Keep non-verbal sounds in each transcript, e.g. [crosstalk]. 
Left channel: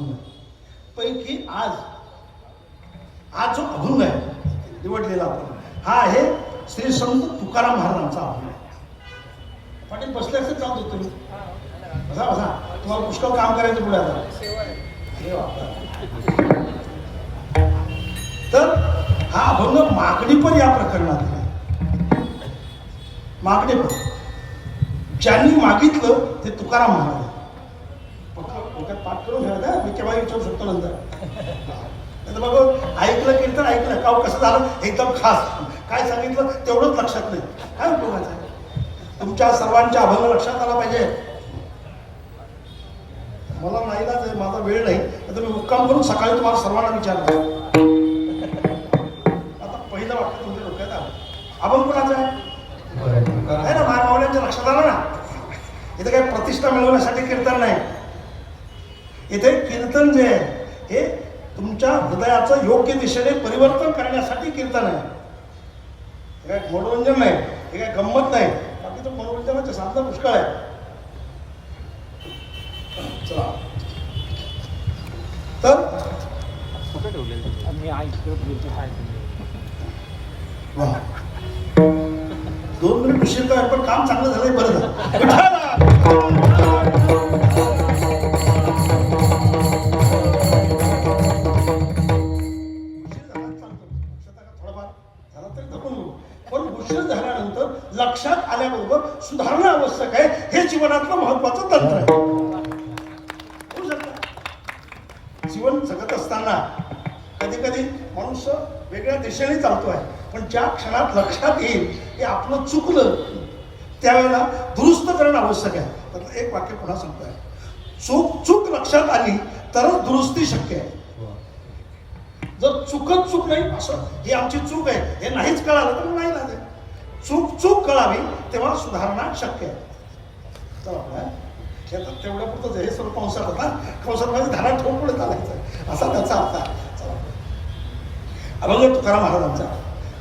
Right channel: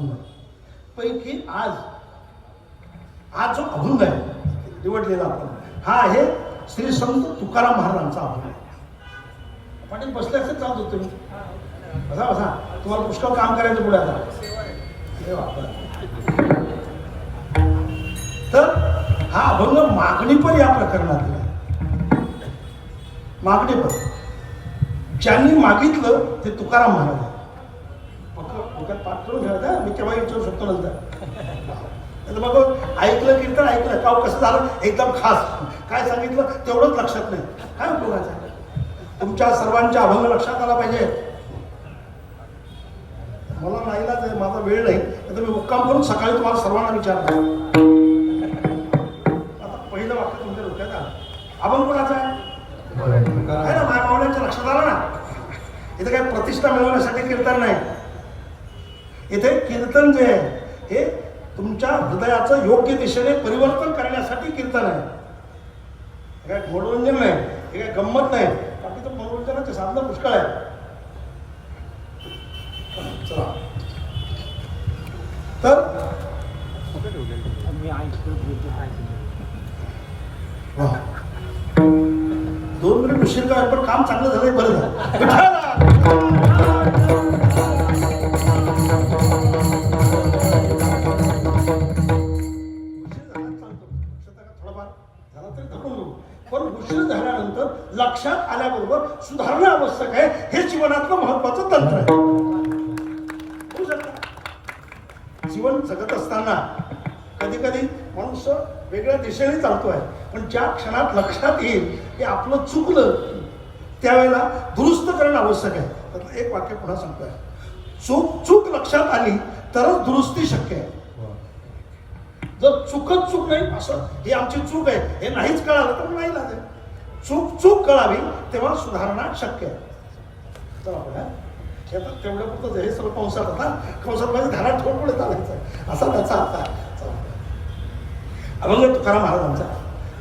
अभंग पैकी आज आज जो अभंग आहे निवडलेला आपण हा आहे श्री संत तुकाराम महाराजांचा अभंग. पाटील बसल्या असते जाऊ देतो बसा बसा. तुम्हाला पुष्कळ काम करायचं पुढे आता. तर हा अभंग मागणीपर या प्रकरणात आहे. मागणीपर ज्यांनी मागितलं ते तुकाराम महाराज डोक्यात पाठ करून ठेवा मी केव्हा विचारू शकतो नंतर. तर बघ ऐकलं कीर्तन ऐकलं काव कसं झालं? एकदम खास. काय सांगितलं? तेवढंच लक्षात नाही. काय उपयोगाचं तुमच्या सर्वांच्या अभंग लक्षात आला पाहिजे. मला नाही ना ते माझा वेळ नाही. तर मी मुक्काम करून सकाळी तुम्हाला सर्वांना विचारणार आता पहिलं वाक्य तुमच्या डोक्यात आलं. अभंग कोणाचं आहे? आहे ना माझ्या मावळ्यांच्या लक्षात आलं ना? इथे काय प्रतिष्ठा मिळवण्यासाठी कीर्तन नाही. इथे कीर्तन जे आहे हे तुमच्या हृदयाचं योग्य दिशेने परिवर्तन करण्यासाठी कीर्तन आहे. हे काय मनोरंजन नाही हे काय गंमत नाही. बाकीचं मनोरंजनाचे साधनं पुष्कळ आहे चला. तर. दोन मिनिट उशीर काय पण काम चांगलं झालंय बरं. झालं जीवन जगत असताना कधी कधी माणूस वेगळ्या दिशेने चालतोय. पण ज्या क्षणात लक्षात येईल की आपलं चुकलं त्यावेळेला दुरुस्त करणं आवश्यक आहे. तर एक वाक्य पुन्हा सांगतोय. चूक चूक लक्षात आली तरच दुरुस्ती शक्य आहे. जर चुकत चूक नाही असं ही आमची चूक आहे हे नाहीच कळालं तर नाही लागेल चूक चूक कळावी तेव्हा सुधारणा शक्य आहे. चला शेतात तेवढ्या पुरतं हे सर्व कंसात होता कंसामध्ये धारा ठोक पुढे चालायचं असा त्याचा अर्थ आहे. चला. अभंग तुकाराम महाराजांचा.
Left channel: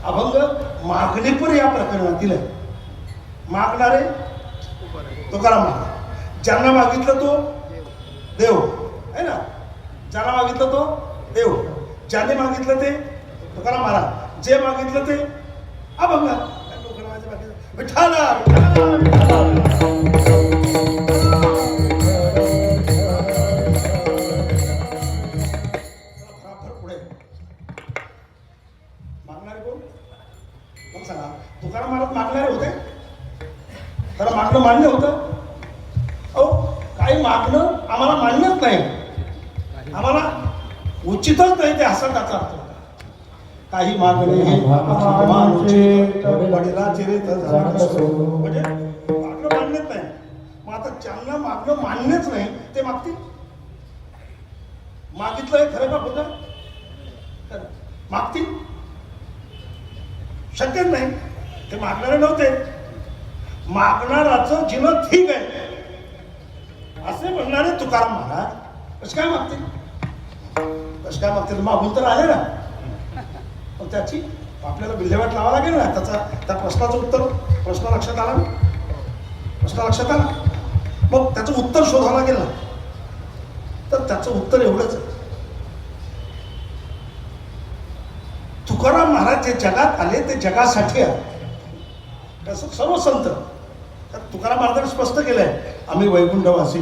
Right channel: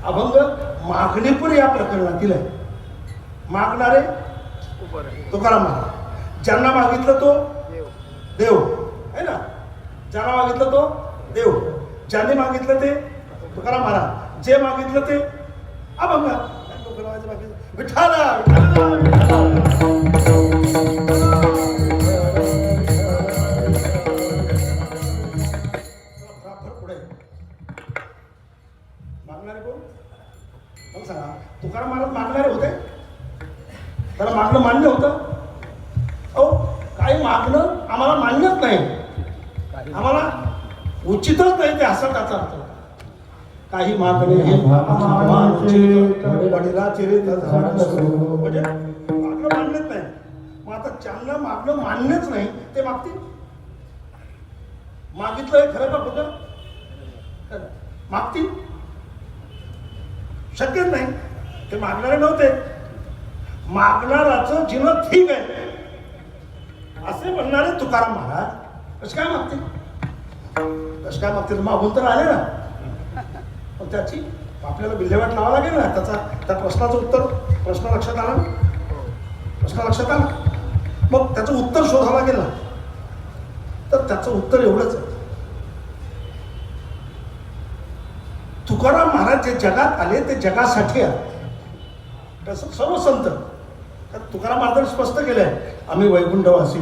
अभंग मागणीपूर या प्रकरणातील आहे मागणारे तुकाराम महाराज. ज्यांना मागितलं तो देव. आहे ना? ज्यांना मागितलं तो देव. ज्यांनी मागितलं ते तुकाराम महाराज. जे मागितलं ते अभंग. विठाला, विठाला. उचितच नाही ते असं त्याचा अर्थ काही मागणे वडिलाचे रे. म्हणजे मागणं मान्यच नाही. मग आता ज्यांना मागणं मान्यच नाही ते मागतील? मागितलं हे खरं का खोटं? मागतील. शक्यच नाही. ते मागणारे नव्हते. मागणाराचं जीवन ठीक आहे. असे म्हणणारे तुकाराम महाराज कसं काय मागतील? कसं काय मागतील मागून तर आले ना. पण त्याची आपल्याला विल्हेवाट लावा लागेल ना. त्याचा त्या प्रश्नाचं उत्तर प्रश्न लक्षात आला प्रश्न लक्षात आला. मग त्याचं उत्तर शोधावं लागेल ना. तर त्याचं उत्तर एवढंच आहे. तुकाराम महाराज जे जगात आले ते जगासाठी आले. तसं सर्व संत. तर तुकाराम महाराजांनी स्पष्ट केलंय आम्ही वैकुंठवासी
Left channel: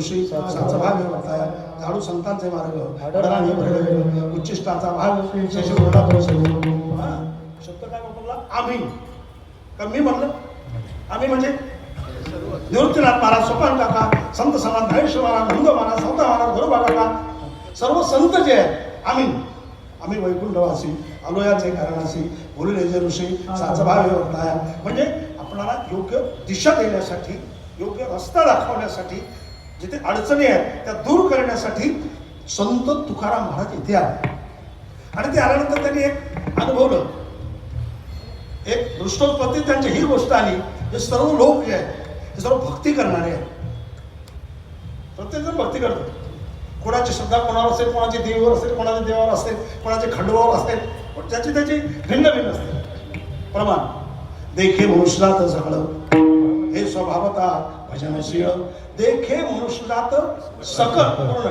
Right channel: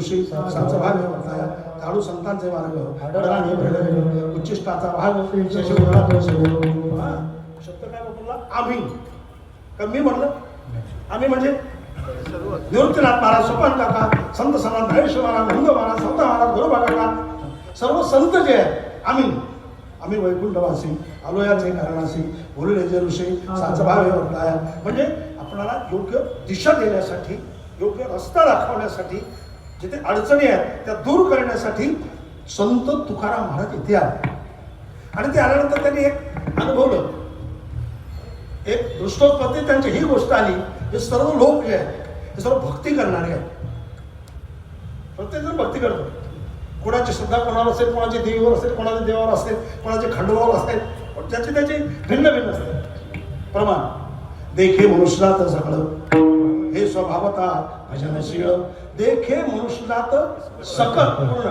ऋषी साचा भाग वर्ताया, झाडू संतांचे मार्ग. डराने घडले. उच्चिष्टाचा भाग. शशी परिसर. शब्द काय बोलला आम्ही. तर मी म्हणलं? आम्ही म्हणजे? निवृत्तीनाथ महाराज सोपान काका संत समान धनेश महाराज नंद महाराज संत महाराज गुरु काका सर्व संत जे आहेत आम्ही. आम्ही वैकुंठवासी आलोयाचे कारणासी गुरुलेजे ऋषी साचभाव वर्ताया म्हणजे आपणाला योग्य दिशा देण्यासाठी योग्य रस्ता दाखवण्यासाठी जिथे अडचणी आहेत त्या दूर करण्यासाठी संत तुकाराम महाराज इथे आले. आणि ते आल्यानंतर त्यांनी एक अनुभवलं. एक दृष्टोत्पत्ती त्यांची ही गोष्ट आली हे सर्व लोक जे आहेत ते सर्व भक्ती करणारे आहेत. प्रत्येक जण भक्ती करतो कोणाची श्रद्धा कोणावर असेल कोणाच्या देवीवर असेल कोणाच्या देवावर असेल कोणाचे खंडवावर असेल पण त्याची त्याची भिन्न भिन्न असते. प्रमाण. देखे मनुष्यात सगळं स्वभावता भजनशील. देखे मनुष्य जात सकट पूर्ण.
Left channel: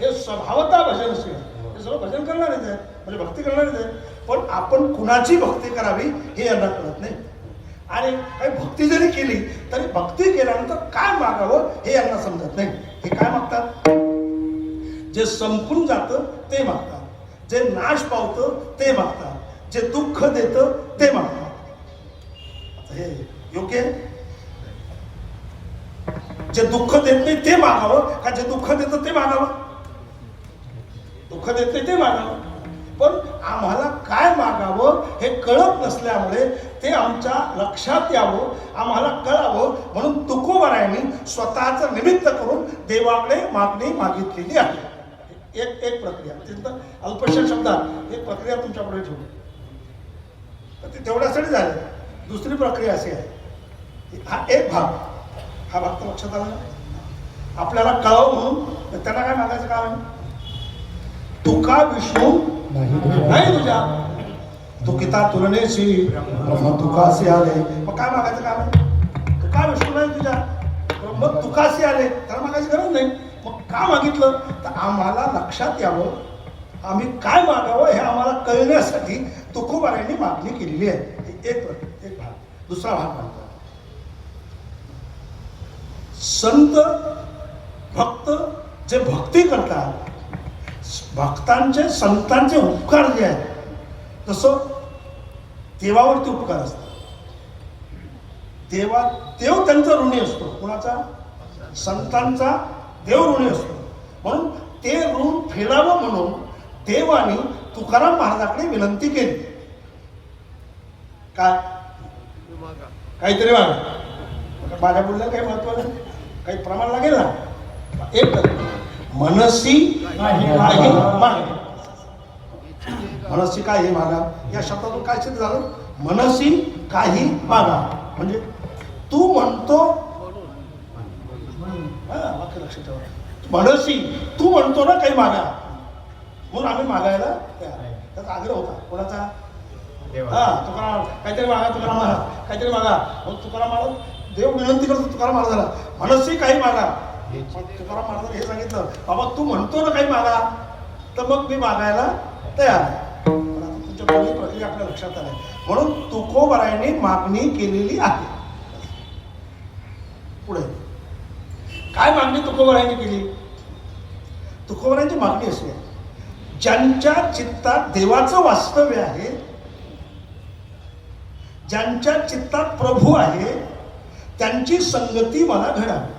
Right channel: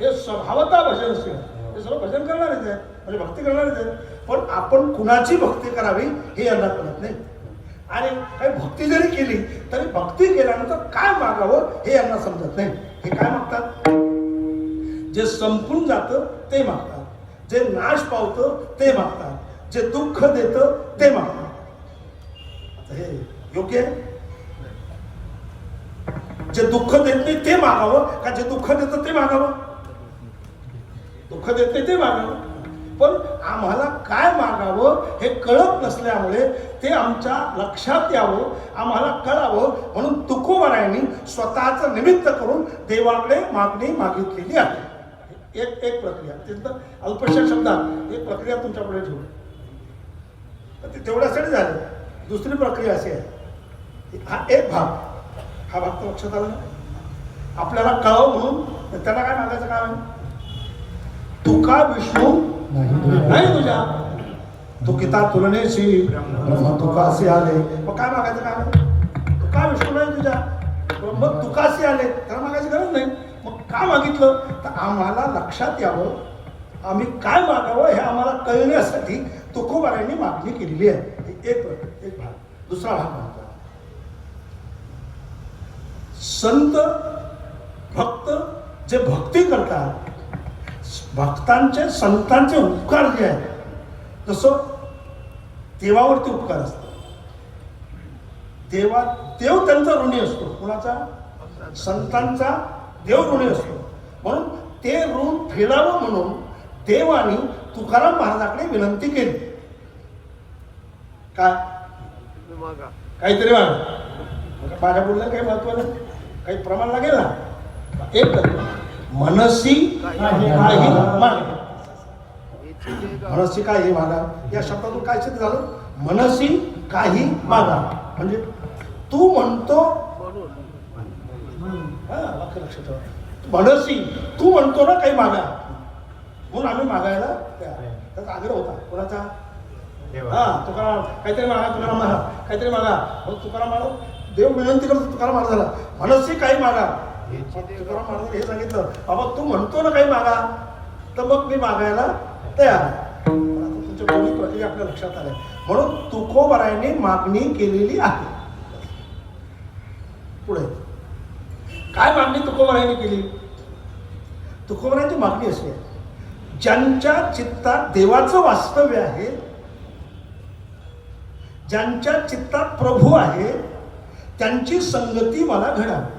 हे स्वभावता भजनशील. हे सर्व भजन करणारेच आहे म्हणजे भक्ती करणारेच आहे पण आपण कुणाची भक्ती करावी हे यांना कळत नाही. आणि भक्ती जरी केली तरी भक्ती केल्यानंतर काय मागावं हे यांना समजत नाही. हे काय मागतात? जे संपून जातं ते मागतात. जे नाश पावतं ते मागतात. जे दुःख देतं ते मागतात. हे योग्य आहे? जे दुःख देत नाही ते मागावं. का जे दुःख देतं ते मागावं? दुःख देत नाही ते मागावं. पण आम्हाला काय मागावं हे कळत नसल्यामुळे ते आमच्या लक्षात यावं आम्हाला कळावं. म्हणून तुकोबारायांनी स्वतःचं निमित्त करून देवाकडे मागणी मागितलेली आहे. एक एक प्रक्रिया. अत्यंत अल्पशा शब्दात एक प्रक्रिया तुमच्याकडे ठेवू. तर ते तेवढ्यासाठी झालं. दुसरी प्रक्रिया अशी आहे. की हा एक भाग. हा भाग तर लक्षात आला? आपल्याला कळव म्हणून त्यांना काय मागायचं काम आहे? तुका विष्णू नाही. तुझ्या. तुकिता तुलनेशी तुकासी आले. मग काय मागायचं काम आहे? तुका विष्णू नाही तुझ्या. मग तुकासी आले. त्याला मागायची गरज नाही. मग का मागितलं? तर आम्हाला लक्षात यावं आम्ही काय मागावं हे आम्हाला कळण्यासाठी तुकोबारांनी मागणी केलेली आहे. एक एक भाग. दुसरा भाग संत भक्त जे भक्ती करतात भक्तांचे संतांचे उपकार जे आहेत तसं देवावरती उपकार असतात. देवा देव त्यांचा ऋणी असतो. कुणाचा? संतांचा देव ऋणी असतो. म्हणून ते ऋण फेडावं म्हणून देवाने तुकाराम महाराजाकडे विनंती केली. काय? काहीतरी माग माझ्या बोलण्याला काही महत्त्व नाही. काही प्रमाण लागेल ना? एक मनसी काही माग मनसी काही मागा. या शब्दातून काय सिद्ध झालं? मनसी काही मागा. म्हणजे तू म्हणतो हा, ठेवा. मनसी तू म्हणतो ना काही मागा. म्हणून आम्ही मागायला तयार आहे. त्याचा आग्रह होता. कोणाचा? हा तुकाराम. काहीतरी मागा तुकाराम महाराज काहीतरी मागा. मग तुकाराम महाराज देव विनंती करतो तुकाराम महाराजाला. मनसी काही मागा. तुकाराम महाराजांनी हे सांगितलं बाबा तू म्हणतो ना काही मागा तर मग मी मागायला तयार आहे. तुमच्या प्रक्रिया आपल्या लक्षात आल्या. म्हणून तुकोबरायांनी मागणी केलेली आहे. पुढे. काय मागणी तुकोबरायांनी केली? तुकोबरायांची मागणी आहे. ज्यांच्या चित्तात देवाचं वास्तव्य आहे ज्यांच्या चित्तात प्रभू आहे त्यांची संगती मला घडावी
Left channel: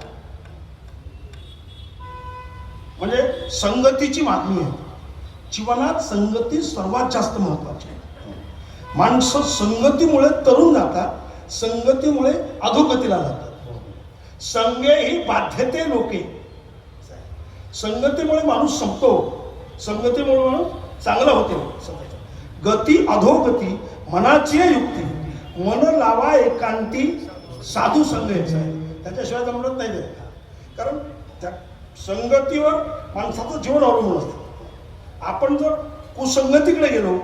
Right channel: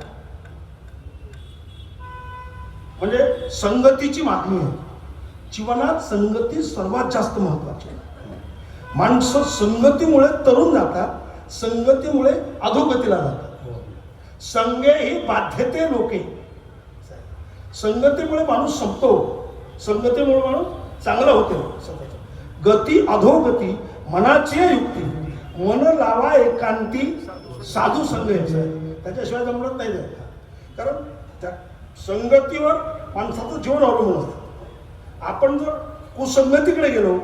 म्हणजे संगतीची मागणी आहे. जीवनात संगती सर्वात जास्त महत्वाची आहे. माणसं संगतीमुळे तरुण जातात संगतीमुळे अधोगतीला जातात. संगे ही बाध्यते लोके. संगतीमुळे माणूस संपतो. संगतीमुळे माणूस चांगला होतो. गती अधोगती मनाची युक्ती. मन लावा एकांती साधू संघ यायचं. आहे. त्याच्याशिवाय जमत नाही कारण त्या संगतीवर माणसाचं जीवन अवलंबून असतं. आपण जर कुसंगतीकडे गेलो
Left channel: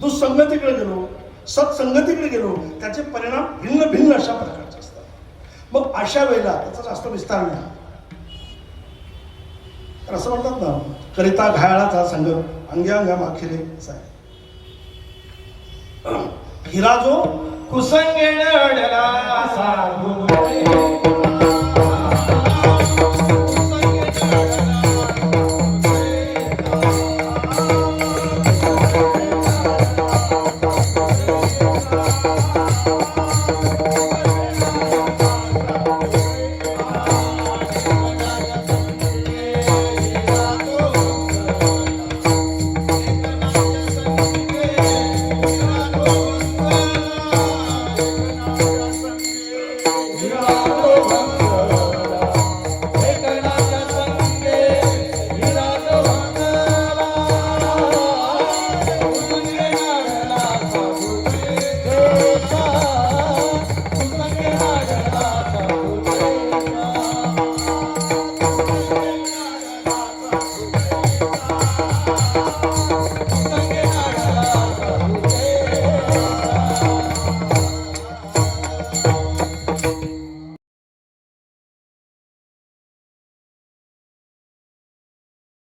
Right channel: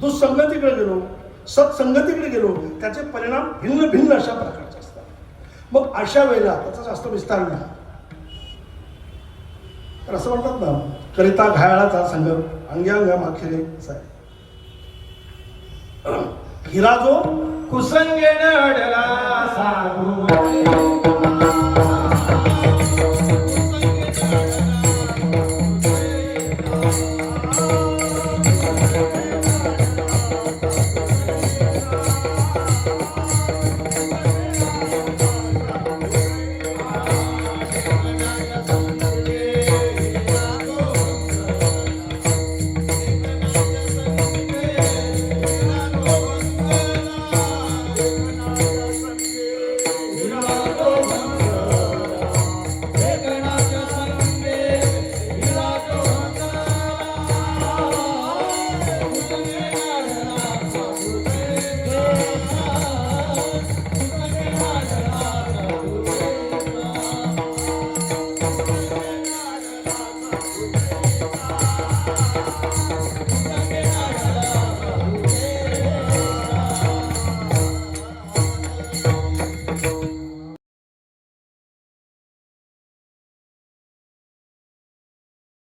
दुःसंगतीकडे गेलो सत्संगतीकडे गेलो त्याचे परिणाम भिन्न भिन्न अशा प्रकारचे असतात. मग अशा वेळेला त्याचा जास्त विस्तार नाही. तर असं म्हणतात ना करिता घायाळाचा संघ अंग्यांगा माखिले असा आहे [clears throat] हिरा जो कुसंगेण अडला साधू.